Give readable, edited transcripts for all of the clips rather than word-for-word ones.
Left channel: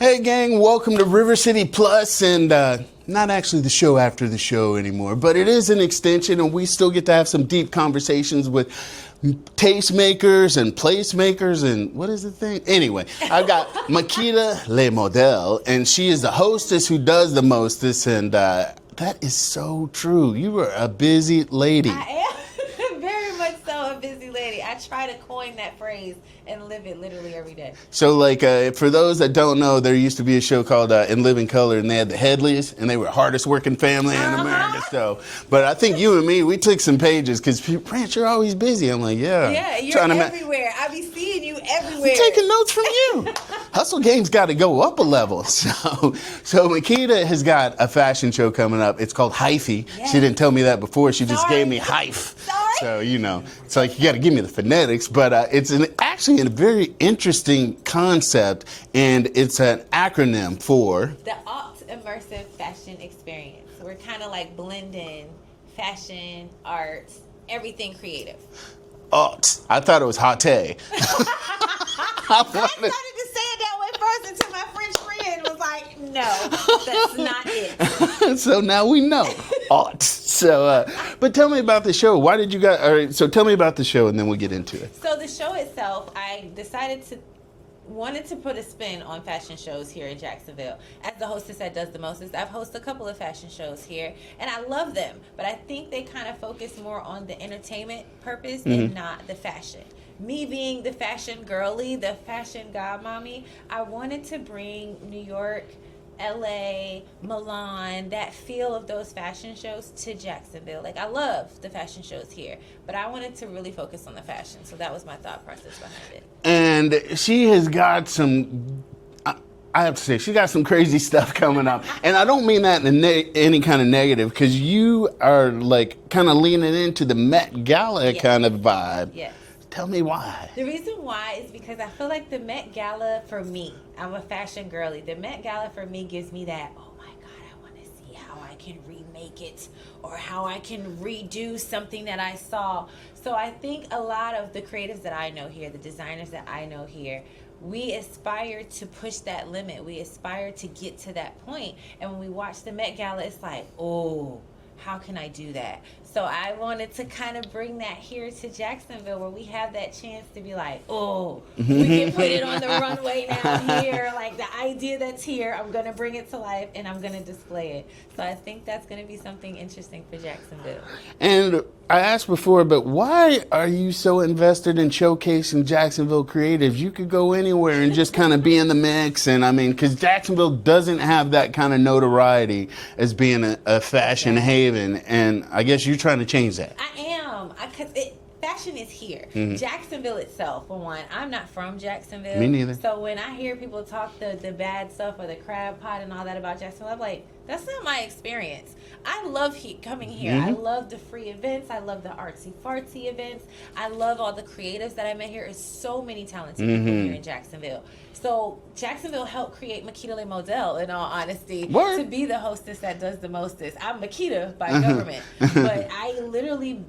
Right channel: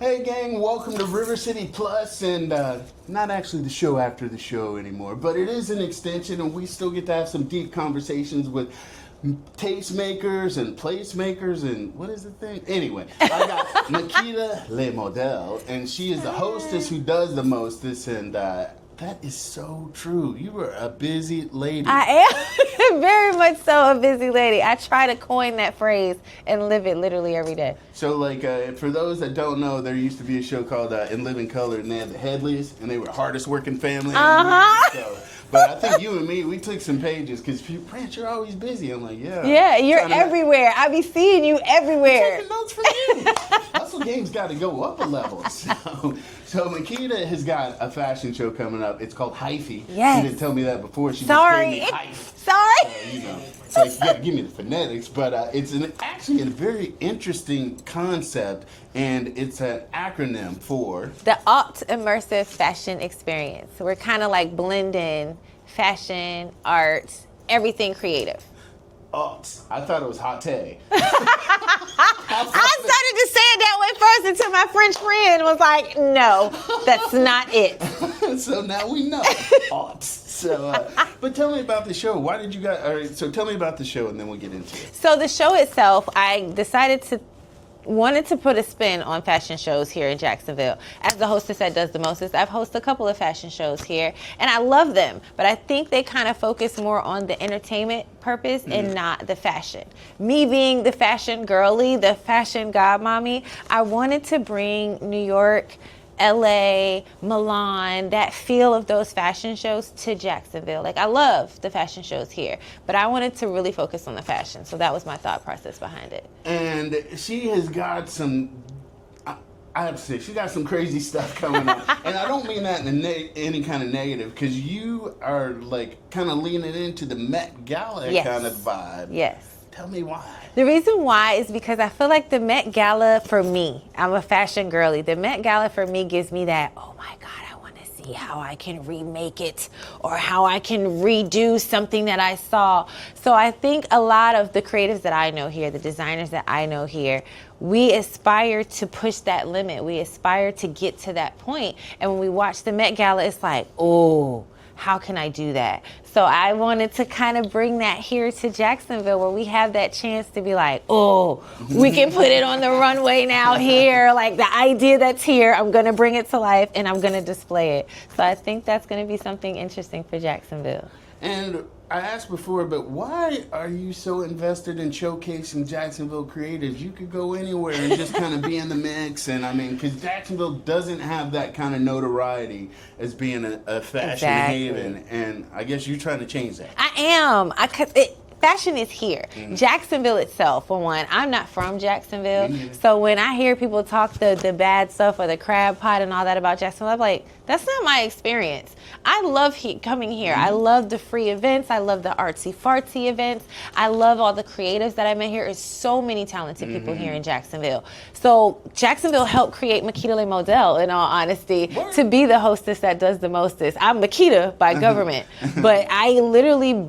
Hey gang, welcome to River City Plus, and not actually the show after the show anymore, but it is an extension, and we still get to have some deep conversations with tastemakers and placemakers, and what is the thing? Anyway, I got Makita Le Model, and she is the hostess who does the mostest, and that is so true. You are a busy lady. I am very much so a busy lady. I try to coin that phrase and live it literally every day. So, like, for those that don't know, there used to be a show called In Living Color, and they had the Headleys, and they were the hardest working family in America. So, but I think you and me, we took some pages, because, Prince, you're always busy. I'm like, yeah. Yeah, you're everywhere. I be seeing you everywhere. I'm taking notes from you. Hustle game's got to go up a level. So Makita has got a fashion show coming up. It's called HIFE. Yes. She didn't tell me that before. She just gave me HIFE. Sorry. So, you know, it's like you got to give me the phonetics. But it's actually a very interesting concept, and it's an acronym for the Haute Immersive Fashion Experience. So we're kind of like blending fashion, art, everything creative. I thought it was hot. I started to say it that way first until my French friend was like, no, that's not it. So now we know. So, but tell me about the show. Why did you guys, all right, so tell me about the show and then we'll get into it. So the show itself, I wanted to put a spin on fashion shows here in Jacksonville. As the hostess that does the mostest, I've hosted a couple of fashion shows here, and I love them, but I think they kind of focus more on the entertainment purpose and not the fashion. Me being the fashion girly, the fashion godmommy, I wanted to bring New York, LA, Milan, that feel of those fashion shows to Jacksonville. Like, I love the fashion shows here, but I wanted to really focus on the fashion. So that was my thought process behind it. And she has got some, I have to say, she got some crazy stuff coming up. And I don't mean that in any kind of negative, because you are like kind of leaning into the Met Gala kind of vibe. Yes. Tell me why. The reason why is because I feel like the Met Gala for me, I'm a fashion girly. The Met Gala for me gives me that, oh my God, I want to see how I can remake it or how I can redo something that I saw. So I think a lot of the creatives that I know here, the designers that I know here, we aspire to push that limit. We aspire to get to that point. And when we watch the Met Gala, it's like, oh, how can I do that? So I wanted to kind of bring that here to Jacksonville, where we have that chance to be like, oh, we can put it on the runway now here. Like, the idea that's here, I'm going to bring it to life and I'm going to display it. So I think that's going to be something interesting for Jacksonville. And I asked before, but why are you so invested in showcasing Jacksonville creatives? You could go anywhere and just kind of be in the mix. And I mean, because Jacksonville doesn't have that kind of notoriety as being a fashion haven. And I guess you're trying to change that. I am. Fashion is here. Jacksonville itself, for one, I'm not from Jacksonville. Me neither. So when I hear people talk the bad stuff or the crab pot and all that about Jacksonville, I'm like, that's not my experience. I love coming here. I love the free events. I love the artsy-fartsy events. I love all the creatives that I met here. There's so many talented people here in Jacksonville. So Jacksonville helped create Makita Le Model, in all honesty, to be the hostess that does the mostest. I'm Makita by government, but I literally...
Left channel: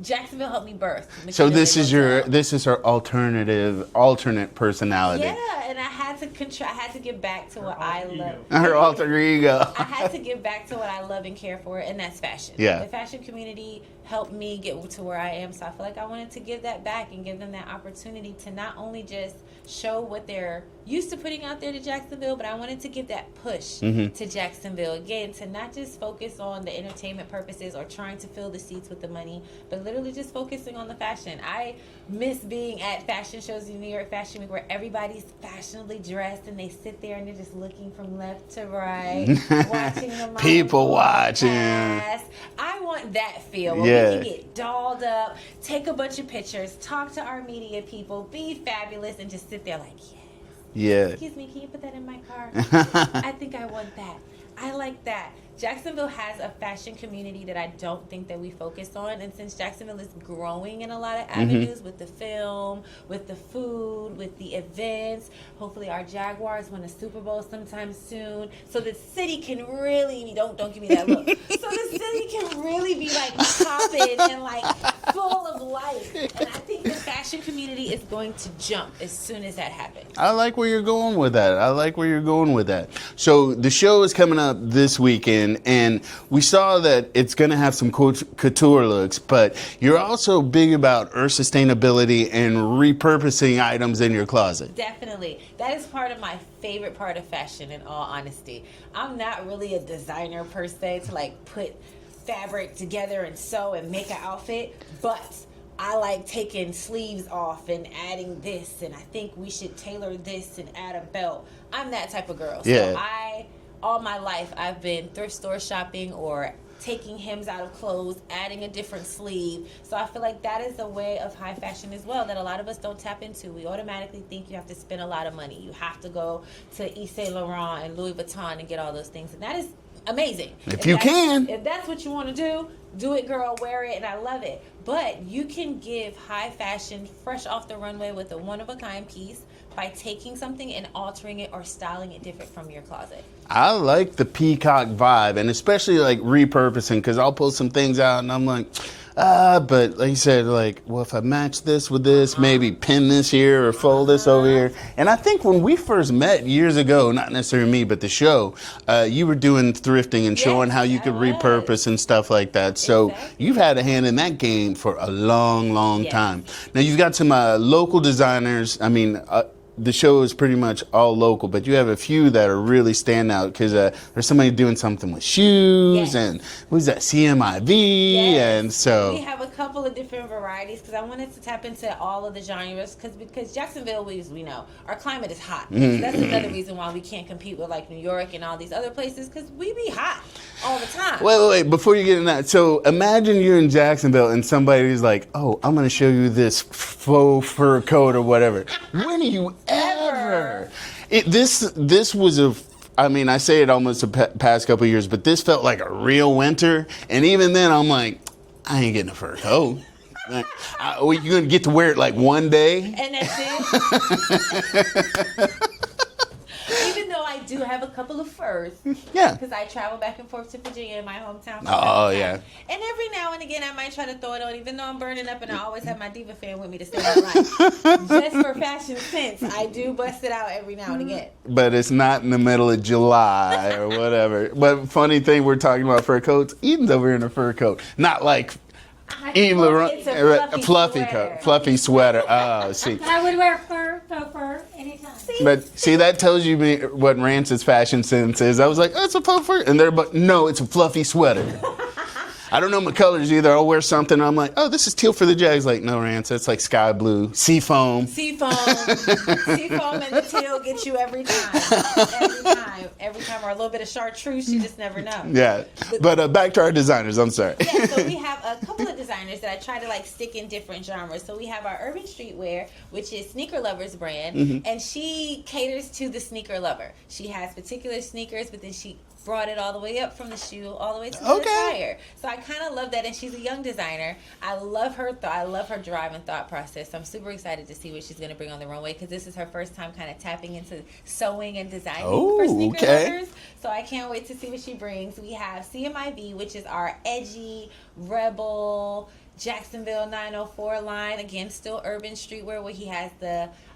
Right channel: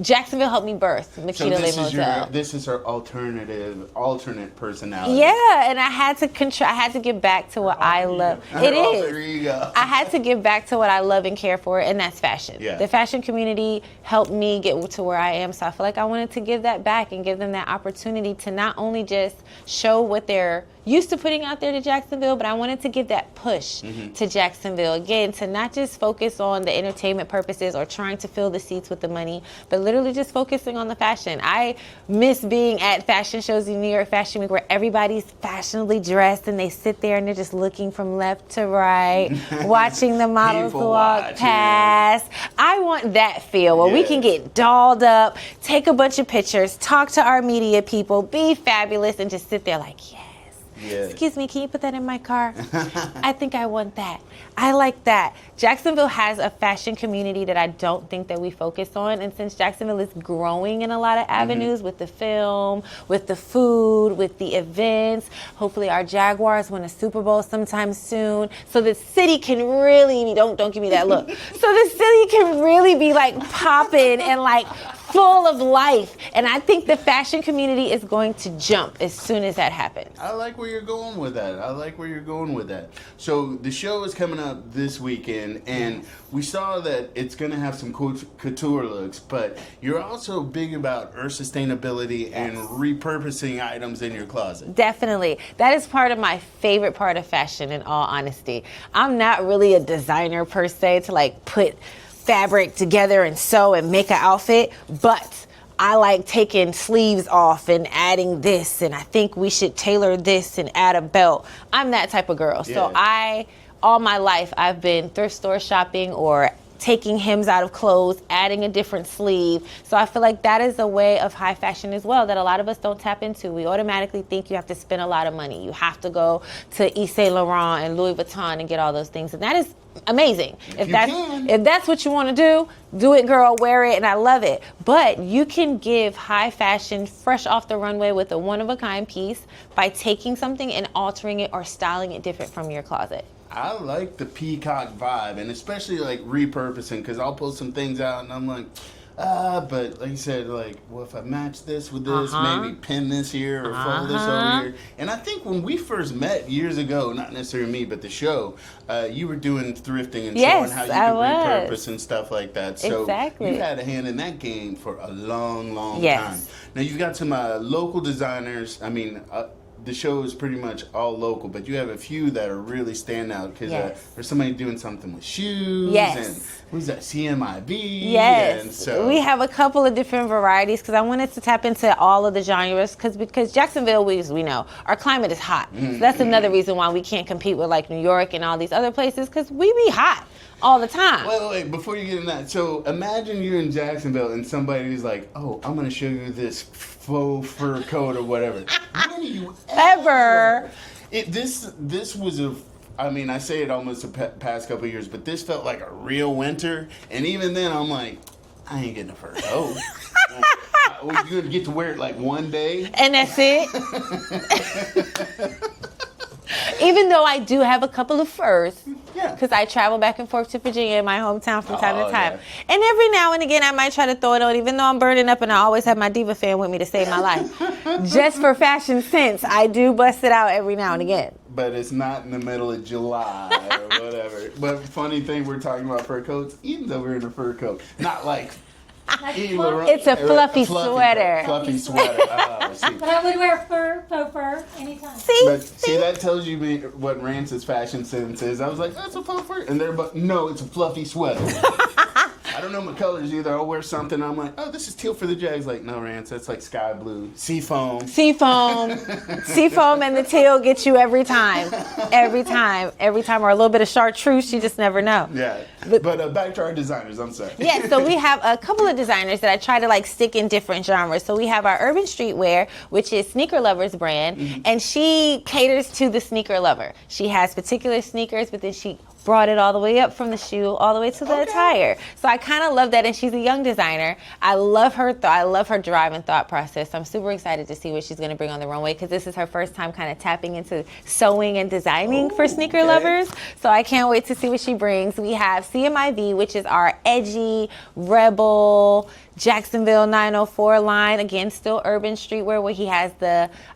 Jacksonville helped me birth Makita So this is Model. this is her alternate personality. Yeah, and I had to give back to what I love. Her alter ego. I had to give back to what I love and care for, and that's fashion. Yeah. The fashion community helped me get to where I am, so I feel like I wanted to give that back and give them that opportunity to not only just show what they're used to putting out there to Jacksonville, but I wanted to give that push to Jacksonville, again, to not just focus on the entertainment purposes or trying to fill the seats with the money, but literally just focusing on the fashion. I miss being at fashion shows in New York Fashion Week where everybody's fashionably dressed and they sit there and they're just looking from left to right, watching the models walk past. I want that feel where we can get dolled up, take a bunch of pictures, talk to our media people, be fabulous, and just sit there like, yeah. Excuse me, can you put that in my car? I think I want that. I like that. Jacksonville has a fashion community that I don't think that we focus on. And since Jacksonville is growing in a lot of avenues with the film, with the food, with the events, hopefully our Jaguars win a Super Bowl sometime soon. So the city can really, don't give me that look. So the city can really be like popping and like full of life. And I think the fashion community is going to jump as soon as that happens. I like where you're going with that. So the show is coming up this weekend, and we saw that it's going to have some couture looks, but you're also big about earth sustainability and repurposing items in your closet. Definitely. That is part of my favorite part of fashion, in all honesty. I'm not really a designer per se to like put fabric together and sew and make an outfit, but I like taking sleeves off and adding this, and I think we should tailor this and add a belt. I'm that type of girl. Yeah. So all my life, I've been thrift store shopping or taking hems out of clothes, adding a different sleeve. So I feel like that is a way of high fashion as well that a lot of us don't tap into. We automatically think you have to spend a lot of money. You have to go to Yves Saint Laurent and Louis Vuitton and get all those things. And that is amazing. If that's what you want to do it, girl, wear it, and I love it. But you can give high fashion fresh off the runway with a one-of-a-kind piece by taking something and altering it or styling it different from your closet. I like the peacock vibe, and especially like repurposing, because I'll pull some things out and I'm like, but like you said, like, well, if I match this with this, maybe pin this here or fold this over here. And I think when we first met years ago, not necessarily me, but the show, you were doing thrifting and showing how you could repurpose and stuff like that. So you've had a hand in that game for a long, long time. Now you've got some local designers. I mean, the show is pretty much all local, but you have a few that are really stand out because there's somebody doing something with shoes and who's that, CMIV? And so we have a couple of different varieties because I wanted to tap into all of the genres because Jacksonville, we know our climate is hot. So that's another reason why we can't compete with like New York and all these other places because we be hot all the time. Wait, before you get in that, so imagine you're in Jacksonville and somebody's like, oh, I'm going to show you this faux fur coat or whatever. When are you ever? This was I mean, I say it almost the past couple of years, but this felt like a real winter. And even then, I'm like, I ain't getting a fur coat. You're going to get to wear it like one day. And that's it. Even though I do have a couple of furs, because I travel back and forth to Virginia, my hometown, from time to time. And every now and again, I might try to throw it on, even though I'm burning up and I always have my Diva fan with me to save my life. Just for fashion sense, I do bust it out every now and again. But it's not in the middle of July or whatever. But funny thing, we're talking about fur coats. Eden's over here in a fur coat. Not like it's a fluffy sweater. Fluffy sweater. Oh, see. But I would wear faux fur anytime. See, that tells you what Rance's fashion sense is. I was like, oh, it's a faux fur. And they're, but no, it's a fluffy sweater. I don't know my colors either. I'll wear something and I'm like, oh, this is teal for the Jags. Like, no, Rance, that's like sky blue. Seafoam. Seafoam and the teal get you every time. Every time. Or a little bit of chartreuse, you just never know. Yeah. But back to our designers, I'm sorry. Yeah, so we have a couple of designers that I try to like stick in different genres. So we have our Urban Streetwear, which is Sneaker Lover's brand, and she caters to the sneaker lover. She has particular sneakers, but then she brought it all the way up from the shoe all the way to the attire. So I kind of love that, and she's a young designer. I love her I love her drive and thought process. I'm super excited to see what she's going to bring on the runway because this is her first time kind of tapping into sewing and designing for sneaker lovers. So I can't wait to see what she brings. We have CMIV, which is our edgy, rebel, Jacksonville 904 line, again, still urban streetwear, where he has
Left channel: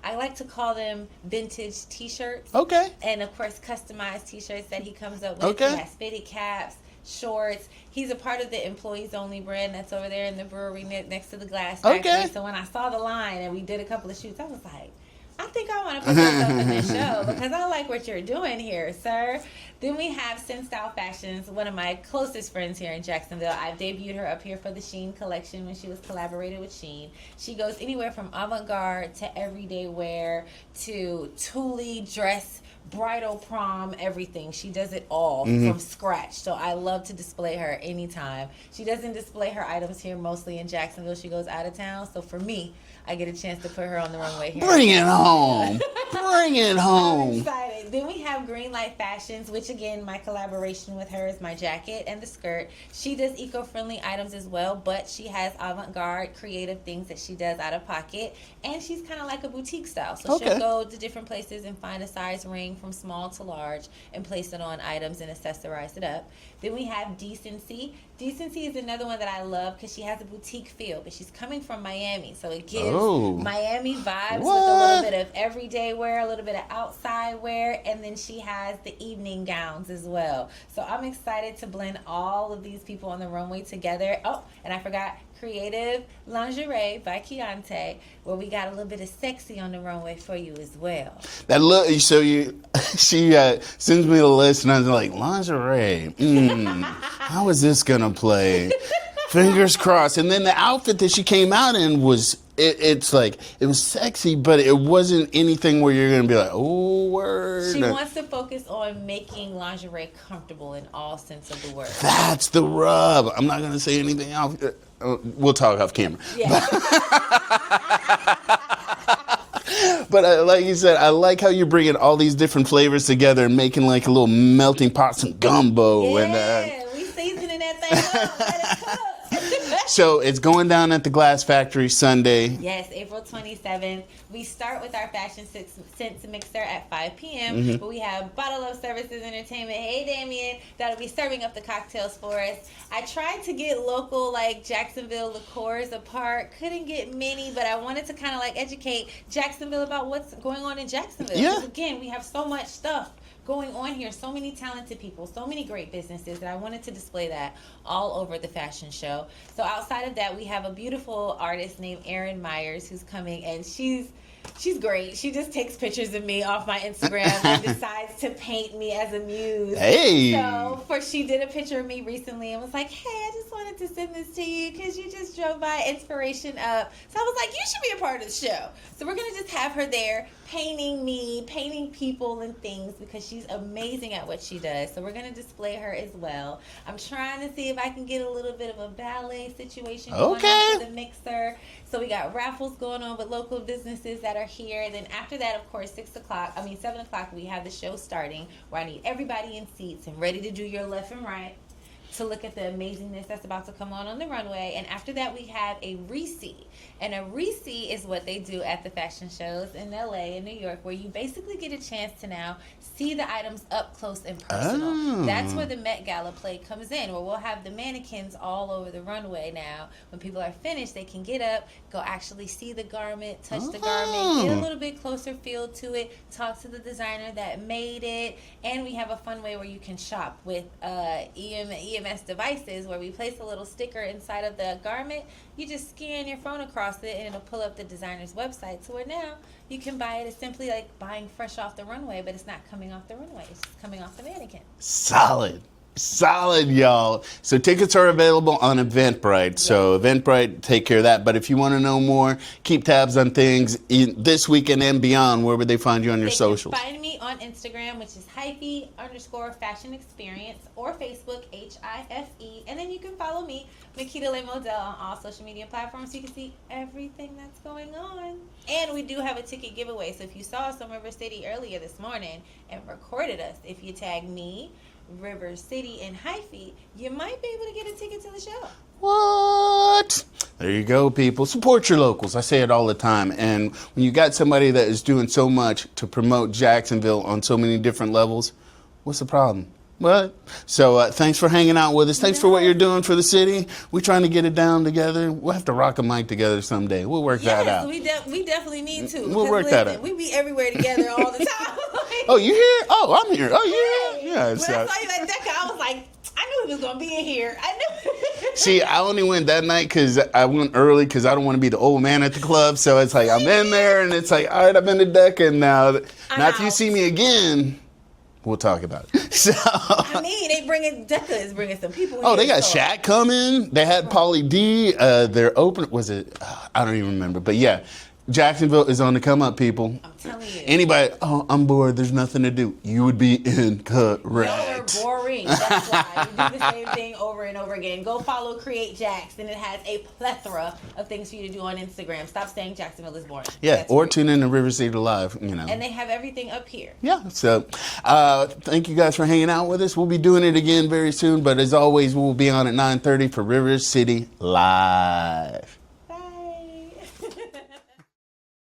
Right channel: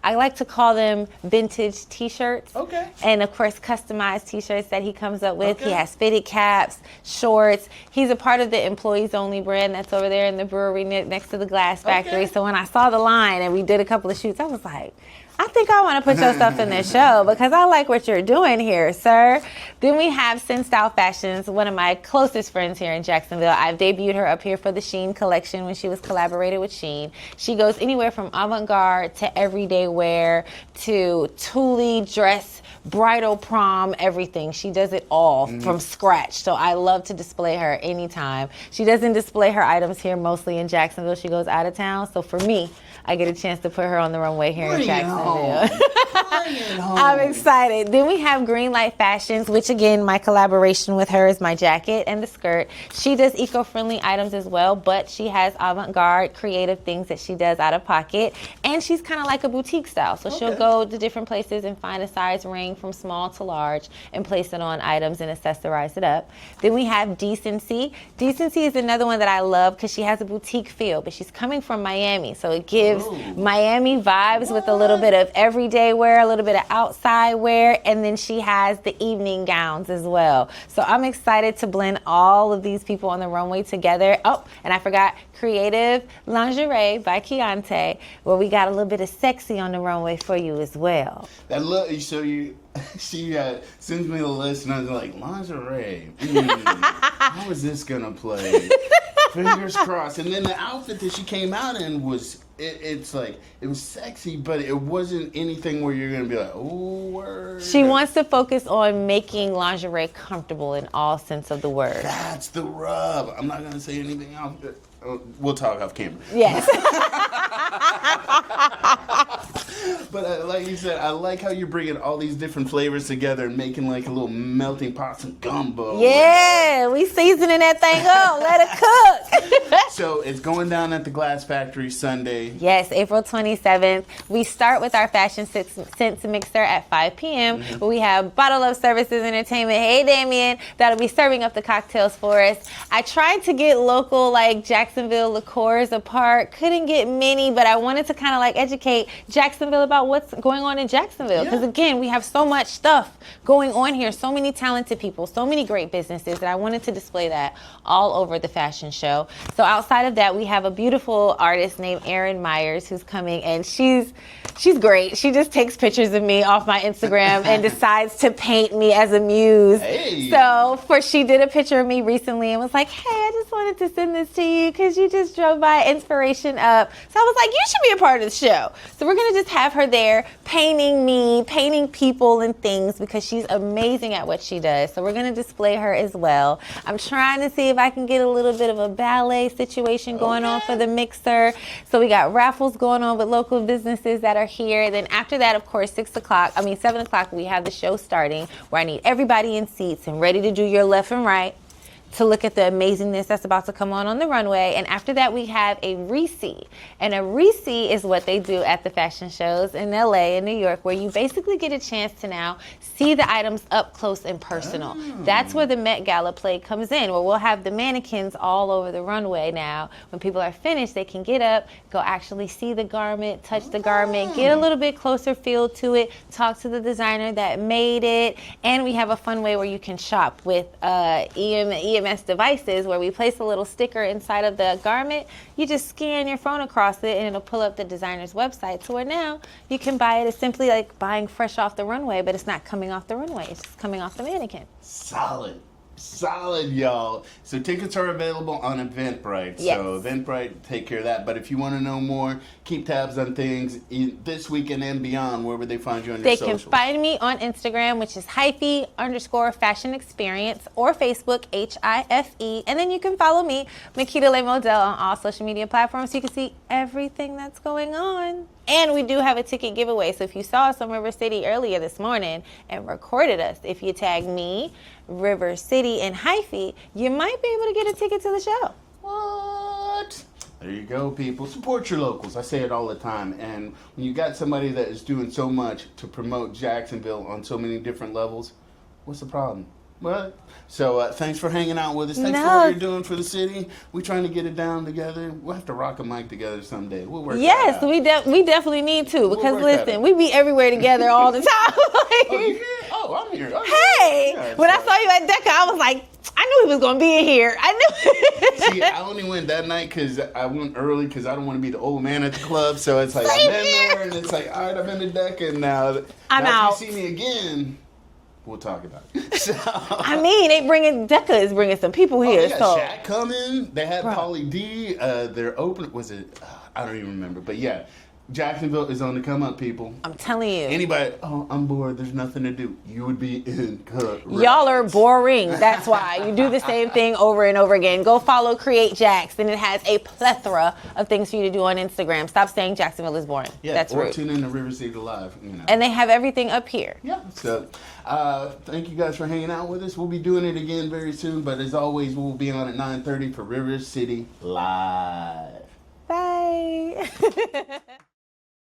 I like to call them vintage t-shirts. Okay. And of course, customized t-shirts that he comes up with. He has fitted caps, shorts. He's a part of the employees only brand that's over there in the brewery next to the glass factory. So when I saw the line and we did a couple of shoots, I was like, I think I want to put yourself in this show because I like what you're doing here, sir. Then we have Sin Style Fashions, one of my closest friends here in Jacksonville. I've debuted her up here for the Shein collection when she was collaborated with Shein. She goes anywhere from avant-garde to everyday wear to Thule dress, bridal prom, everything. She does it all from scratch. So I love to display her anytime. She doesn't display her items here mostly in Jacksonville. She goes out of town. So for me, I get a chance to put her on the runway here. Bring it on. Bring it home. I'm excited. Then we have Greenlight Fashions, which again, my collaboration with her is my jacket and the skirt. She does eco-friendly items as well, but she has avant-garde creative things that she does out of pocket. And she's kind of like a boutique style. So she'll go to different places and find a size ring from small to large and place it on items and accessorize it up. Then we have Decency. Decency is another one that I love because she has a boutique feel, but she's coming from Miami. So it gives Miami vibes with a little bit of everyday wear, a little bit of outside wear, and then she has the evening gowns as well. So I'm excited to blend all of these people on the runway together. Oh, and I forgot Creative Lingerie by Keontae, where we got a little bit of sexy on the runway for you as well. That look, so she sends me the list, and I was like, lingerie. How is this gonna play? Fingers crossed. And then the outfit that she came out in was, it's like, it was sexy, but it wasn't anything where you're going to be like, oh, word. She wants to focus on making lingerie comfortable in all sense of the word. That's the rub. I'm not going to say anything else. We'll talk off camera. Yes. But like you said, I like how you're bringing all these different flavors together and making like a little melting pot, some gumbo. Yeah, we seasoning that thing up. Let it cook. So it's going down at the Glass Factory Sunday. Yes, April 27th. We start with our fashion scents mixer at 5 p.m. We have Bottle Up Services Entertainment. Hey, Damien. That'll be serving up the cocktails for us. I tried to get local, like Jacksonville liqueurs apart. Couldn't get many, but I wanted to kind of like educate Jacksonville about what's going on in Jacksonville. Because again, we have so much stuff going on here. So many talented people, so many great businesses that I wanted to display that all over the fashion show. So outside of that, we have a beautiful artist named Erin Meyers who's coming, and she's great. She just takes pictures of me off my Instagram and decides to paint me as a muse. Hey. So she did a picture of me recently and was like, hey, I just wanted to send this to you because you just drove by Inspiration Up. So I was like, you should be a part of the show. So we're going to just have her there painting me, painting people and things because she's amazing at what she does. So we're going to display her as well. I'm trying to see if I can get a little bit of a ballet situation going on for the mixer. So we got raffles going on with local businesses that are here. Then after that, of course, 7 o'clock, we have the show starting where I need everybody in seats and ready to do your left and right to look at the amazingness that's about to come on the runway. And after that, we have a re-see. And a re-see is what they do at the fashion shows in LA and New York, where you basically get a chance to now see the items up close and personal. That's where the Met Gala play comes in, where we'll have the mannequins all over the runway now. When people are finished, they can get up, go actually see the garment, touch the garment, get a little bit closer feel to it, talk to the designer that made it. And we have a fun way where you can shop with EMS devices, where we place a little sticker inside of the garment. You just scan your phone across it and it'll pull up the designer's website, so where now you can buy it. It's simply like buying fresh off the runway, but it's not coming off the runway, it's just coming off the mannequin. Solid, y'all. So tickets are available on Eventbrite. Yes. So Eventbrite, take care of that. But if you want to know more, keep tabs on things this weekend and beyond. Where would they find you on your socials? They can find me on Instagram, which is HIFE_Fashion Experience, or Facebook, HIFE. And then you can follow me, Makita Le Model, on all social media platforms so you can see everything that's going on. And we do have a ticket giveaway. So if you saw us on River City earlier this morning and recorded us, if you tag me, River City, and Hyphy, you might be able to get a ticket to the show. What? There you go, people. Support your locals. I say it all the time. And when you got somebody that is doing so much to promote Jacksonville on so many different levels, what's the problem? What? So thanks for hanging out with us. Thanks for what you're doing for the city. We're trying to get it down together. We'll have to rock a mic together someday. We'll work that out. Yes, we definitely need to. Because listen, we be everywhere together all the time. Oh, you here? Oh, I'm here. Oh, hey, yeah, when I saw you at DECA, I was like, I knew he was going to be in here. I knew. See, I only went that night because I went early because I don't want to be the old man at the club. So it's like, I've been there, and it's like, all right, I've been to DECA, and now if you see me again, we'll talk about it. So, I mean, DECA is bringing some people here. Oh, they got Shaq coming. They had Pauly D. Their open, was it? I don't even remember. But yeah, Jacksonville is on the come up, people. I'm telling you. Anybody, oh, I'm bored, there's nothing to do. You would be incorrect. Y'all are boring. That's why. You do the same thing over and over again. Go follow Create Jax, and it has a plethora of things for you to do on Instagram. Stop saying Jacksonville is boring. Yeah, That's or rude. tune in to River City Live, you know. And they have everything up here. Yeah, so thank you guys for hanging out with us. We'll be doing it again very soon, but as always, we'll be on at 9:30 for River City Live.